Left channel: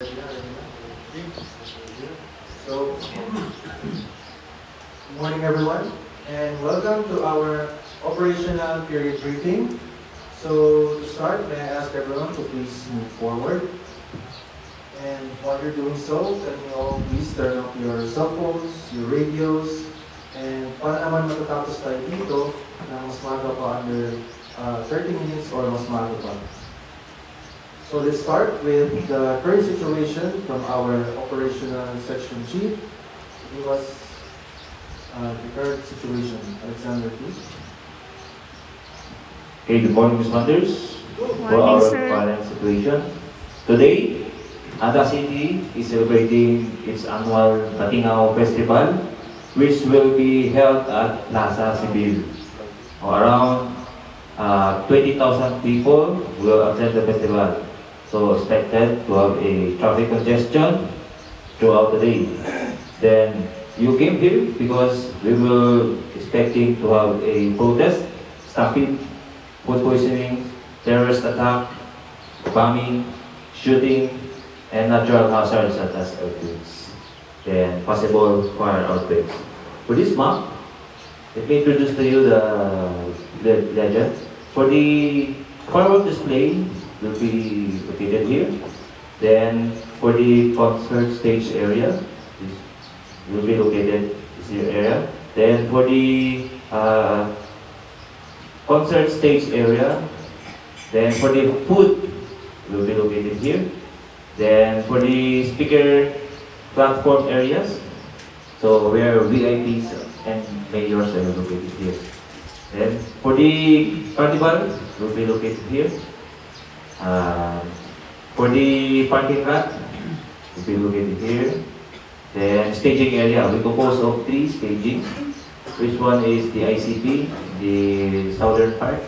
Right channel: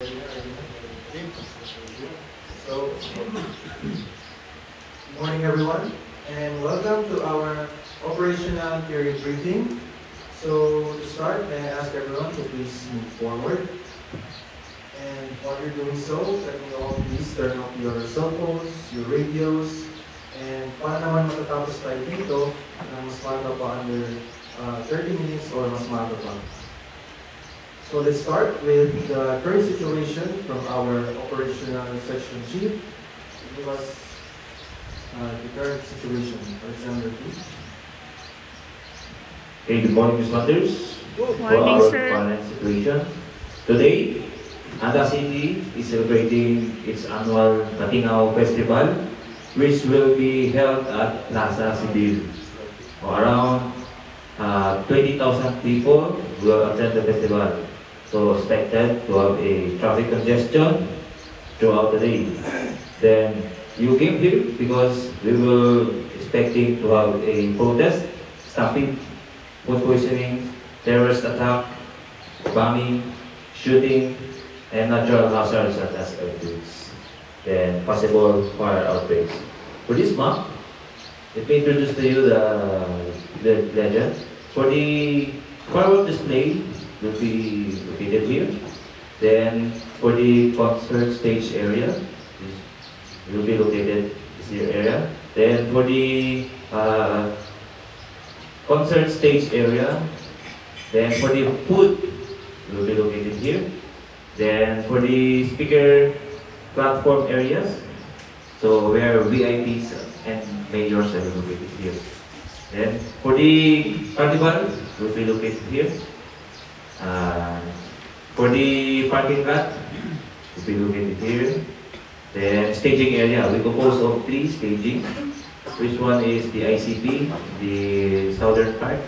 So, good morning everyone, and welcome to our operational period briefing. So, to start, may I ask everyone to please move forward. And while you're doing so, let me all please turn off your cell phones, your radios, and para naman matatapos tayo dito na mas maaga pa under 30 minutes or mas maaga pa. So let's start with the current situation from our operational section chief. Give us the current situation. Alexander, please. Okay, good morning, Ms. Mothers. Good morning, for our sir. current situation. Today, Anta City is celebrating its annual Batingao Festival, which will be held at Plaza Sibil. Around 20,000 people will attend the festival. So expected to have a traffic congestion throughout the day. Then you came here because we were expecting to have a protest, stampede, food poisoning, terrorist attack, bombing, shooting, and natural hazards such as earthquakes, then possible fire outbreaks. For this map, let me introduce to you the legend. For the firework display, will be located here. Then for the concert stage area, will be located in this area. Then for the concert stage area, then for the food, will be located here. Then for the speaker platform areas, so where VIPs and mayors are located here. Then for the carnival, will be located here. For the parking lot, will be located here. Then staging area, we compose of 3 staging. Which one is the ICP, the southern part.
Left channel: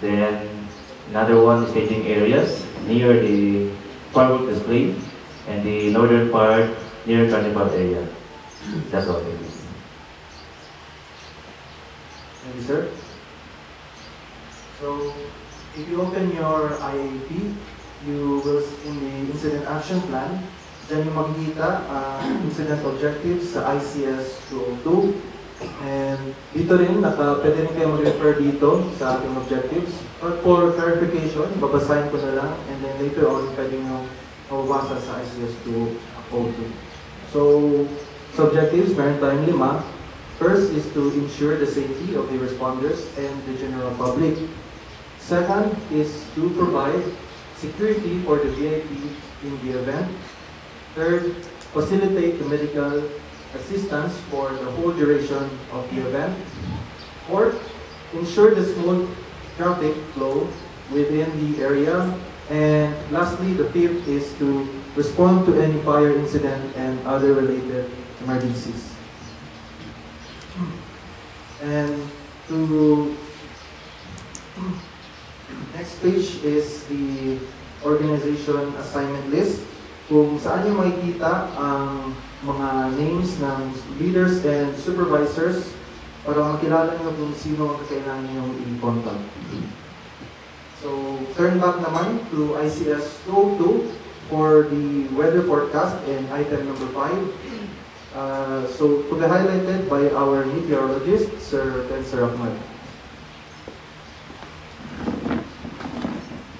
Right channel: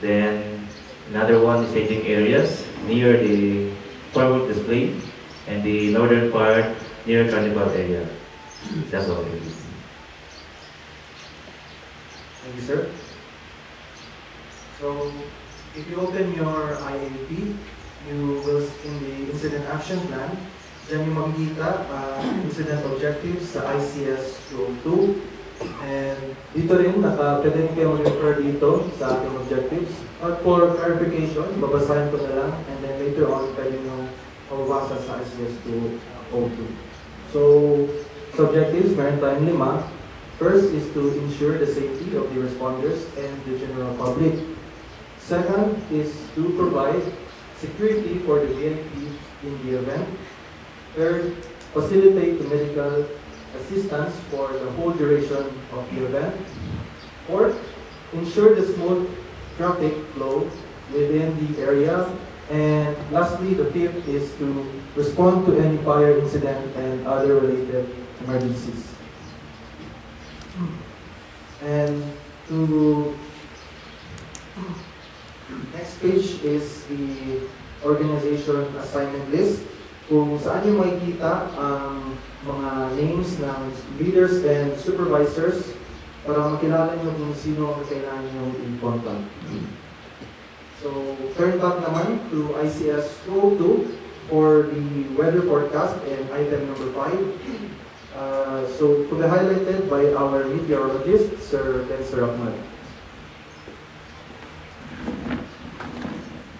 Then another one is staging areas near the firework display, and the northern part near carnival area. That's all. Thank you, sir. So, if you open your IAP, you will in the incident action plan, dyan yung makikita incident objectives sa ICS 202. And dito rin, pwede rin kayo mag-refer dito sa ating objectives. Or for clarification, babasahin ko na lang, and then later on, pwede nyo mabasa sa ICS 202. So, objectives, meron tayong 5. First is to ensure the safety of the responders and the general public. Second is to provide security for the VIP in the event. Third, facilitate the medical assistance for the whole duration of the event. Fourth, ensure the smooth traffic flow within the area. And lastly, the fifth is to respond to any fire incident and other related emergencies. And to next page is the organization assignment list, kung saan yung makikita ang mga names ng leaders and supervisors para makilala nyo kung sino ang kailangan nyo i-contact. So, turn back naman to ICS 202 for the weather forecast and item number 5. So, highlighted by our meteorologist, Sir Spencer Ahmad.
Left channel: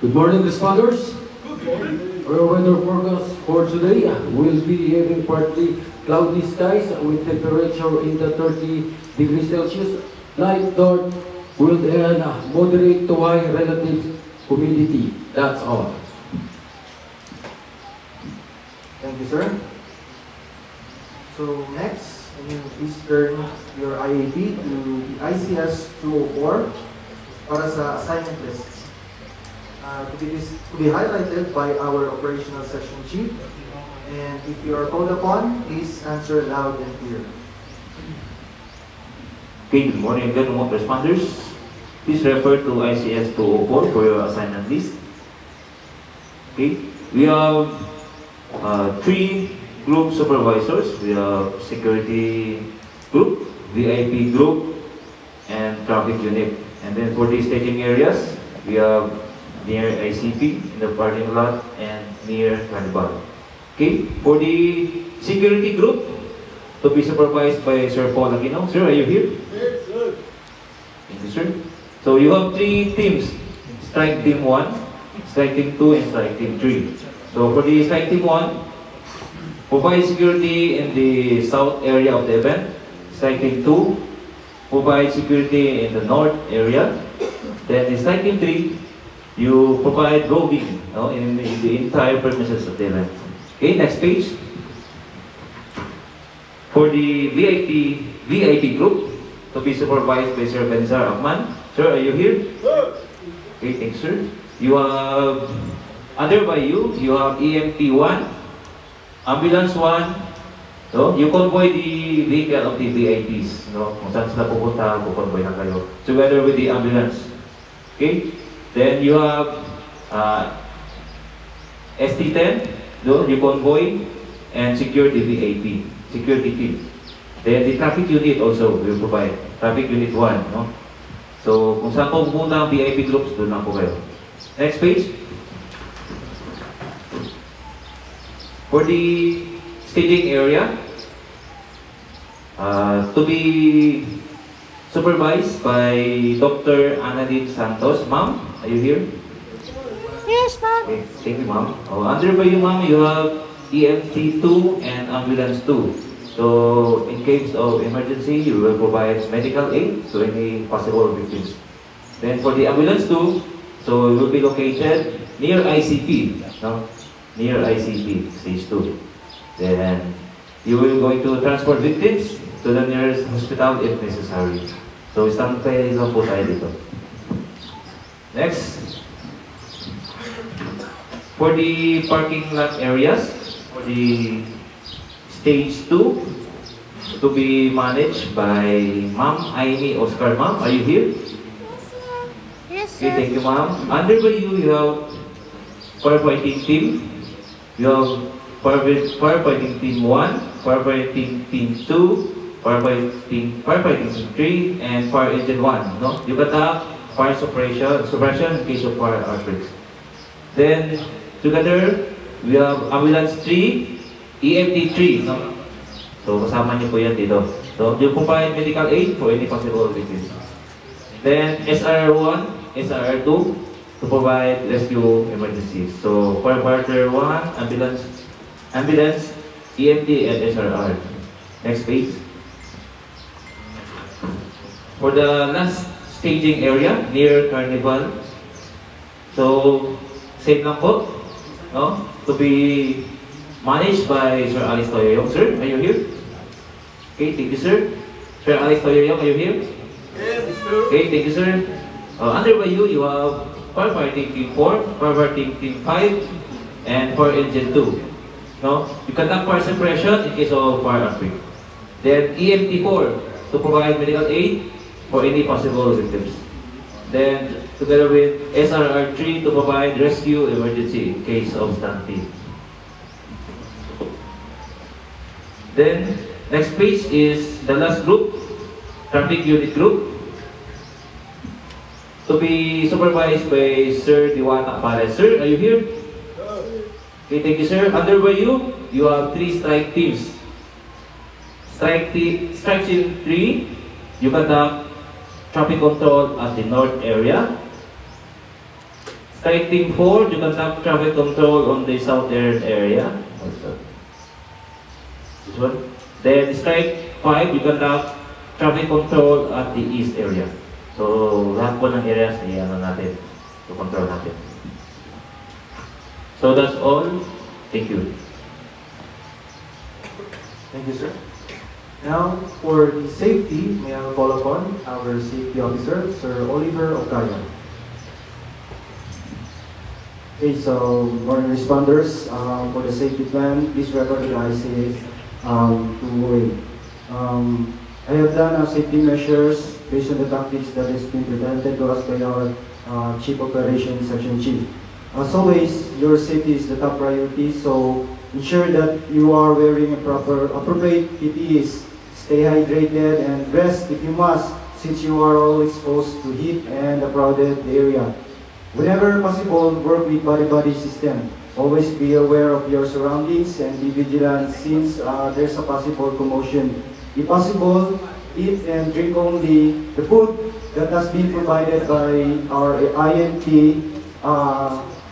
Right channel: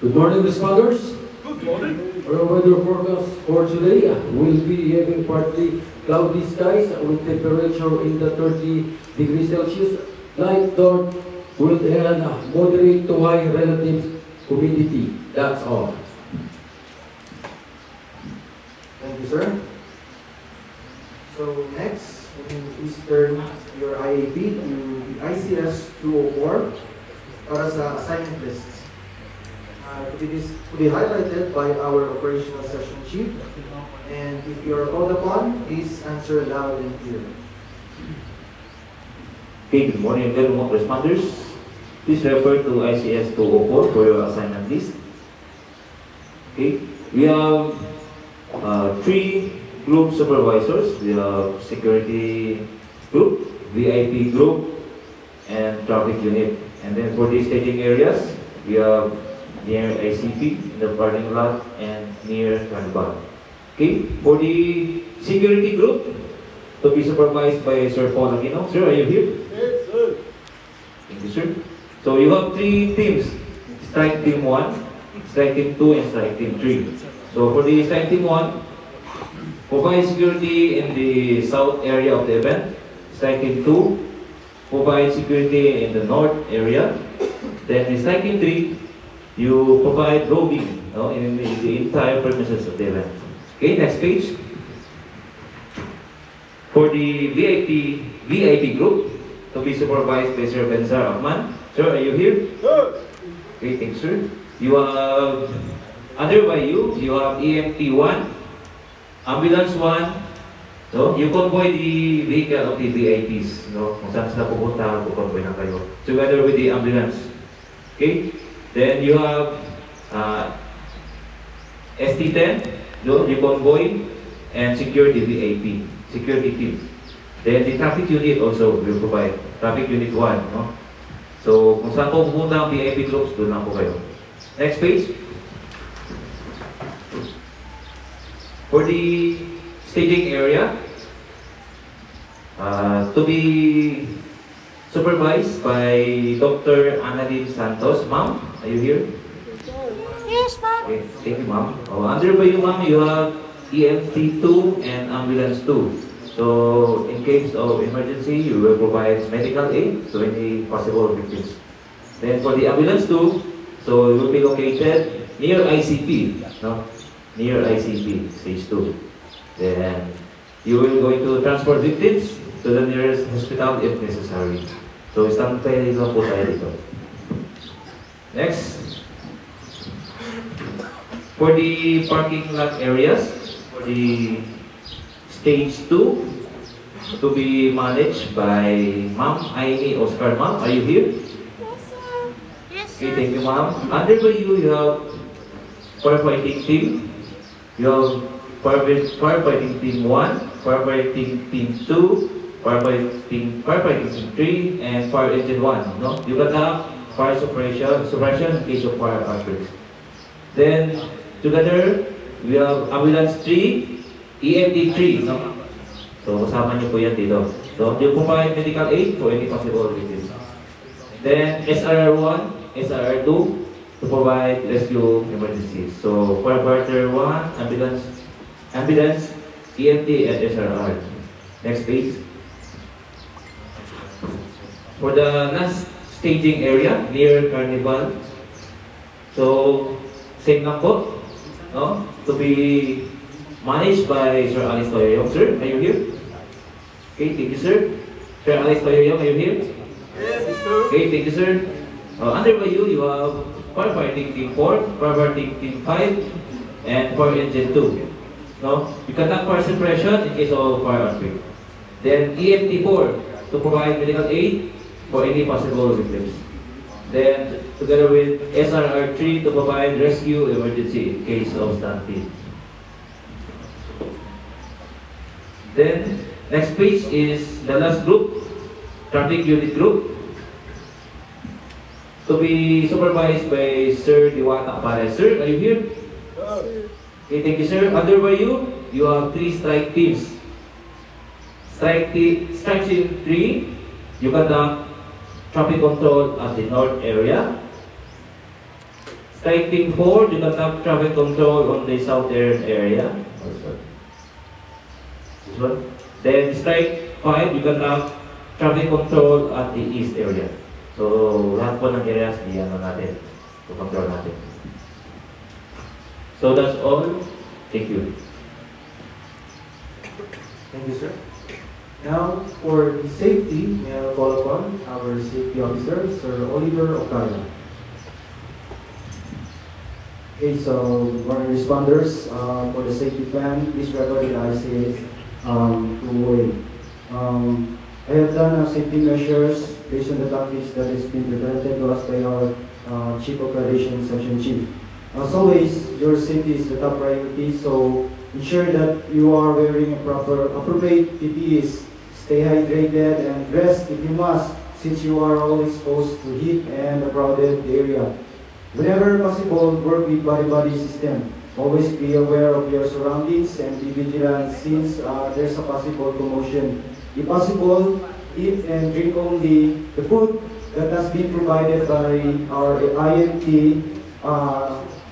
Good morning, responders. Our weather forecast for today will be having partly cloudy skies with temperature in the 30 degrees Celsius, light dark with moderate to high relative humidity. That's all. Thank you, sir. So next, please turn your IAP to ICS 204 para sa assignment lists. To be highlighted by our operational section chief, and if you are called upon, please answer loud and clear. Okay, good morning everyone, responders. Please refer to ICS 204 for your assignment list. Okay, we have 3 group supervisors. We have security group, VIP group, and traffic unit. And then for the staging areas, we have near ICP, in the parking lot, and near Carnival. Okay, for the security group, to be supervised by Sir Paul Aquino. Sir, are you here? Yes, sir. Thank you, sir. So you have 3 teams. Strike team 1, strike team 2, and strike team 3. So for the strike team 1, provide security in the south area of the event. Strike team 2, provide security in the north area. Then the strike team 3, you provide roving in the entire premises of the event. Okay, next page. For the VIP group, to be supervised by Sir Benzar Ahman. Sir, are you here? Sir. Okay, thanks, sir. You have, under by you have EMT 1, Ambulance 1, no? You convoy the vehicle of the VIPs, no? Kung saan sila pupunta, convoy lang kayo. Together with the ambulance. Okay? Then you have ST10, no? You convoy and secure the VIP, security team. Then the traffic unit also will provide, traffic unit 1, no? So, kung saan po pupunta ang VIP groups, doon na po kayo. Next page. For the staging area, to be supervised by Dr. Annalyn Santos. Ma'am, are you here? Yes, ma'am. Okay, thank you, ma'am. Under by you, ma'am, you have EMT 2 and Ambulance 2. So, in case of emergency, you will provide medical aid to any possible victims. Then for the Ambulance 2, so it will be located near ICP, no? Near ICP, stage 2. Then you will going to transport victims to the nearest hospital if necessary. So, standby lang po tayo dito. Next. For the parking lot areas, for the Stage 2 to be managed by Ma'am Aimee Oscar. Ma'am, are you here? Yes, Okay, sir. thank you, ma'am. Under by you have firefighting team. You have firefighting team 1, firefighting team 2, firefighting team 3, and fire engine 1. No? You got fire suppression in case of fire outbreaks. Then together we have ambulance 3. EMT 3, no? So, kasama niyo po yan dito. So, you provide medical aid for any possible victims. Then, SRR1, SRR2 to provide rescue emergencies. So, firefighter 1, ambulance, EMT, and SRR. Next page. For the last staging area near Carnival, so, same lang po, no? To be managed by Sir Alex Toyoyong. Sir, are you here? Okay, thank you, sir. Sir Alex Toyoyong, are you here? Yes, sir. Okay, thank you, sir. Under by you have firefighting team 4, firefighting team 5, and fire engine 2. No? You conduct fire suppression in case of fire outbreak. Then EMT 4 to provide medical aid for any possible victims. Then together with SRR 3 to provide rescue emergency in case of stampede. Then, next page is the last group, traffic unit group, to be supervised by Sir Diwata Apares. Sir, are you here? Okay, thank you, sir. Under by you have 3 strike teams. Strike team 3, you conduct traffic control at the north area. Strike team 4, you conduct traffic control on the southern area. This one. Then strike 5, you conduct traffic control at the east area. So, lahat po ng areas natin, to control natin. So that's all. Thank you. Thank you, sir. Now, for the safety, may I call upon our safety officer, Sir Oliver Ocaria. Okay, so morning responders, for the safety plan, please refer to the RCA 208. I have done safety measures based on the tactics that is being presented to us by our Chief Operations Section Chief. As always, your safety is the top priority, so ensure that you are wearing appropriate PPEs, stay hydrated, and rest if you must, since you are always exposed to heat and a crowded area. Whenever possible, work with body-body system. Always be aware of your surroundings and be vigilant since there's a possible commotion. If possible, eat and drink only the food that has been provided by our IMT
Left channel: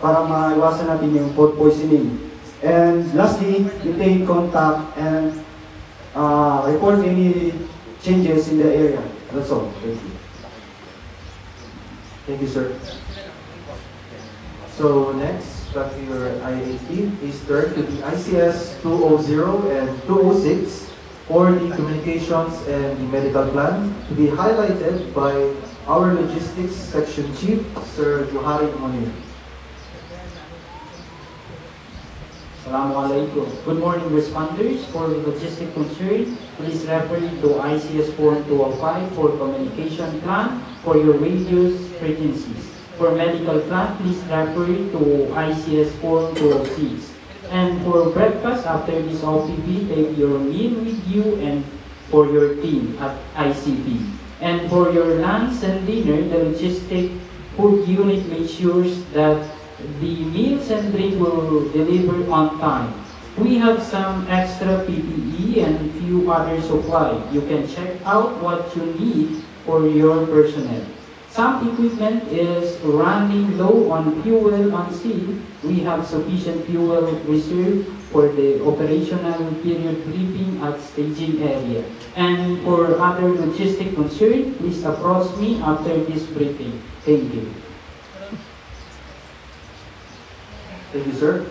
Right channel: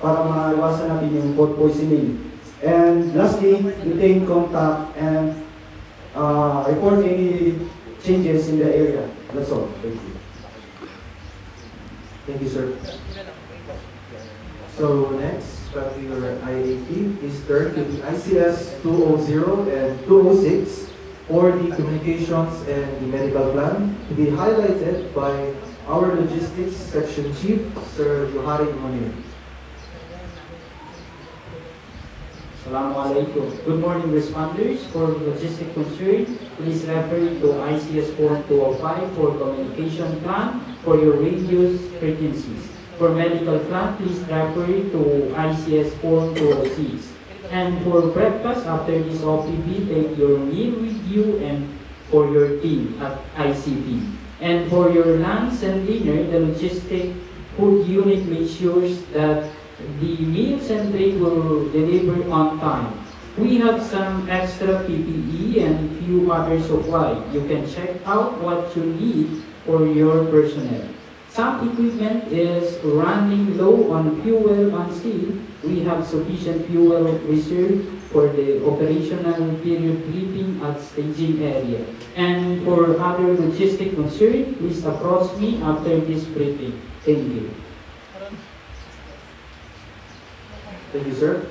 para maiwasan natin yung food poisoning. And lastly, maintain contact and report any changes in the area. That's all. Thank you. Thank you, sir. So next, back to your IAP, please turn to the ICS 200 and 206 for the communications and the medical plan to be highlighted by our logistics section chief, Sir Johari Monir. Assalamualaikum. Good morning, responders. For logistic concern, please refer to ICS Form 205 for communication plan for your radios frequencies. For medical plan, please refer to ICS Form 206. And for breakfast, after this OPB, take your meal with you and for your team at ICP. And for your lunch and dinner, the logistic food unit makes sure that the meals and drink will deliver on time. We have some extra PPE and few other supply. You can check out what you need for your personnel. Some equipment is running low on fuel on scene. We have sufficient fuel reserve for the operational period briefing at staging area. And for other logistic concern, please approach me after this briefing. Thank you. Thank you, sir.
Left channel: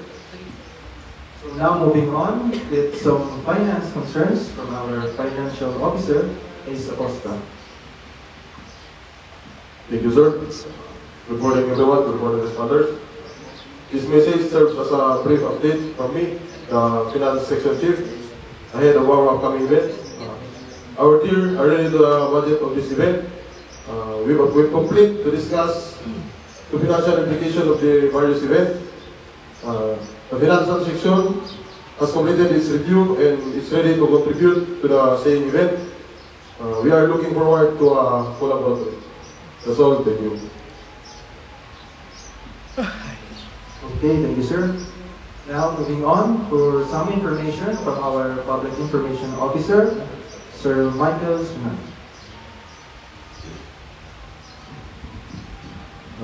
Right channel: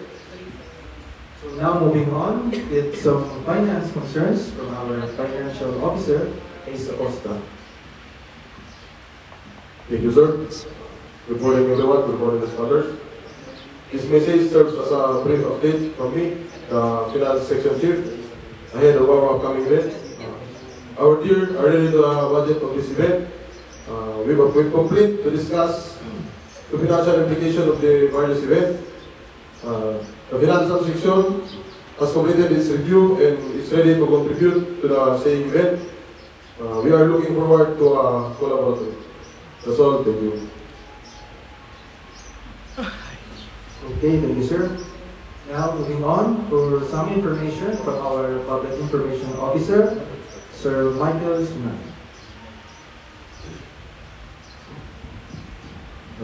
So now moving on with some finance concerns from our financial officer, Ms. Acosta. Thank you, sir. Good morning, everyone. Good morning, others. This message serves as a brief update from me, the Finance Section Chief, ahead of our upcoming event. Our team are ready to budget of this event. We're complete to discuss the financial implication of the various event. The financial section has completed its review and is ready to contribute to the same event. We are looking forward to collaborate. That's all. Thank you. Okay, thank you, sir. Now moving on for some information from our Public Information Officer, Sir Michael Suman.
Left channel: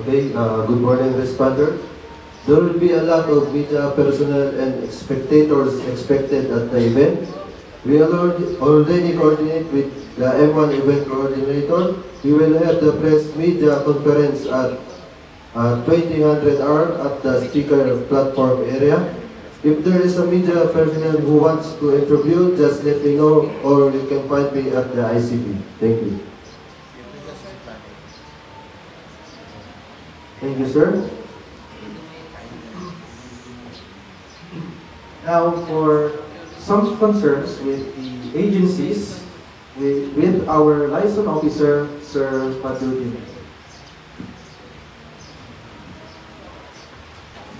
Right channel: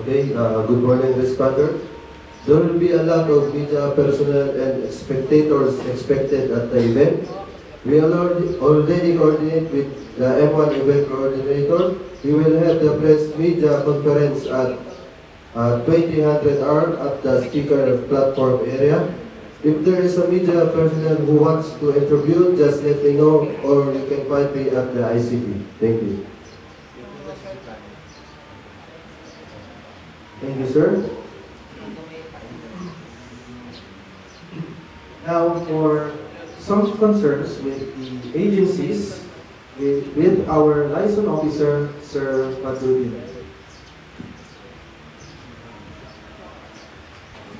Okay, good morning, responder. There will be a lot of media personnel and spectators expected at the event. We already coordinate with the M1 event coordinator. We will have the press media conference at 2000 hour at the speaker platform area. If there is a media personnel who wants to interview, just let me know or you can find me at the ICP. Thank you. Thank you, sir. Now for some concerns with the agencies, with our liaison officer, Sir Padudin.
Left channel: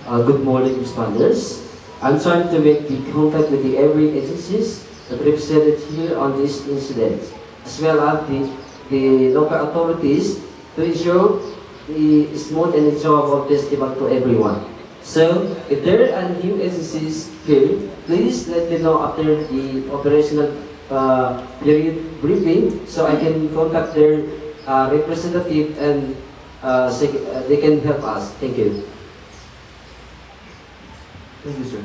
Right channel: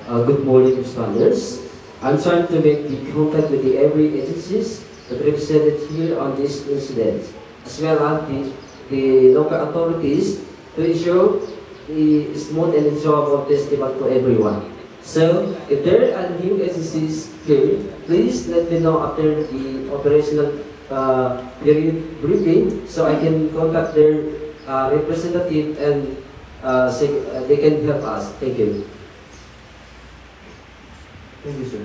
Good morning, responders. I'm trying to make the contact with the every agencies that represented here on this incident, as well as the local authorities to ensure the smooth and enjoyable festival for everyone. So, if there are new agencies here, please let me know after the operational period briefing so I can contact their representative and they can help us. Thank you. Thank you, sir.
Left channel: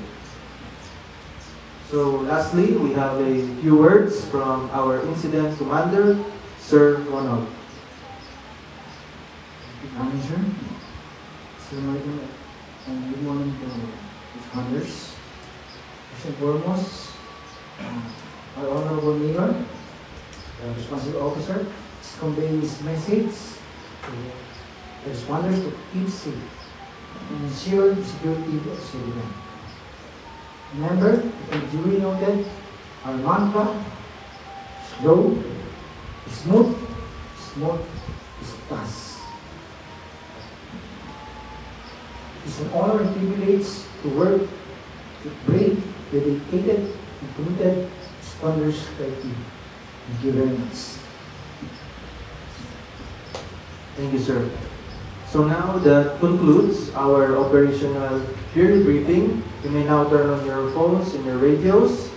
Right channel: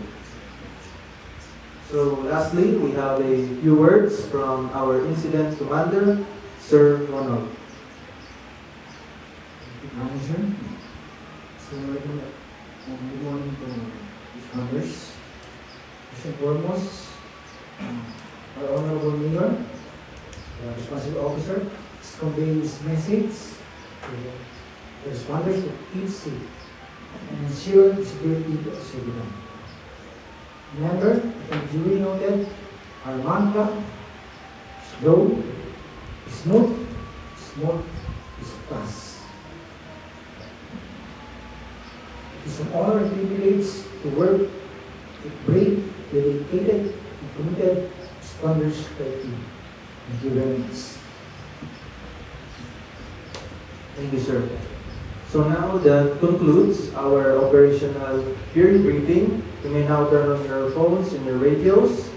So lastly, we have a few words from our incident commander, Sir Ronald. Manager, so good morning to responders. First and foremost, our Honorable Mayor, the responsible officer, is conveying this message to the responders to keep safe and ensure the security of civilians. Remember, as duly noted, our mantra is slow, smooth, is fast. It's an honor and privilege to work with brave, dedicated, and committed responders team. Thank you very much. Thank you, sir. So now that concludes our operational period briefing. You may now turn on your phones and your radios.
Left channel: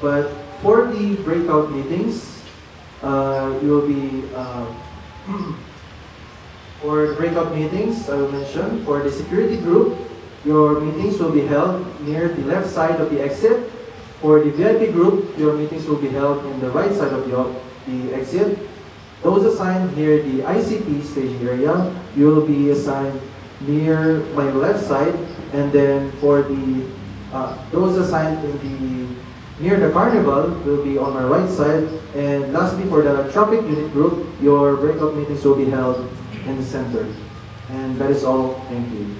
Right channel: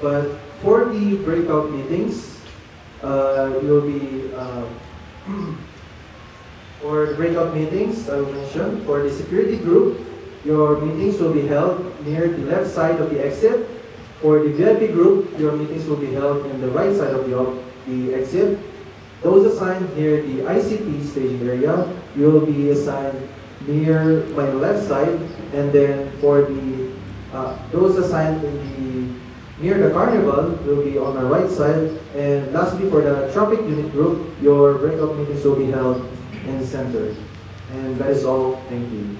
But for the breakout meetings, you'll be for breakout meetings, I will mention, for the security group, your meetings will be held near the left side of the exit. For the VIP group, your meetings will be held in the right side of the exit. Those assigned near the ICT staging area, you will be assigned near my left side, and then for the those assigned near the carnival will be on my right side. And lastly, for the traffic unit group, your breakout meetings will be held in the center. And that is all. Thank you.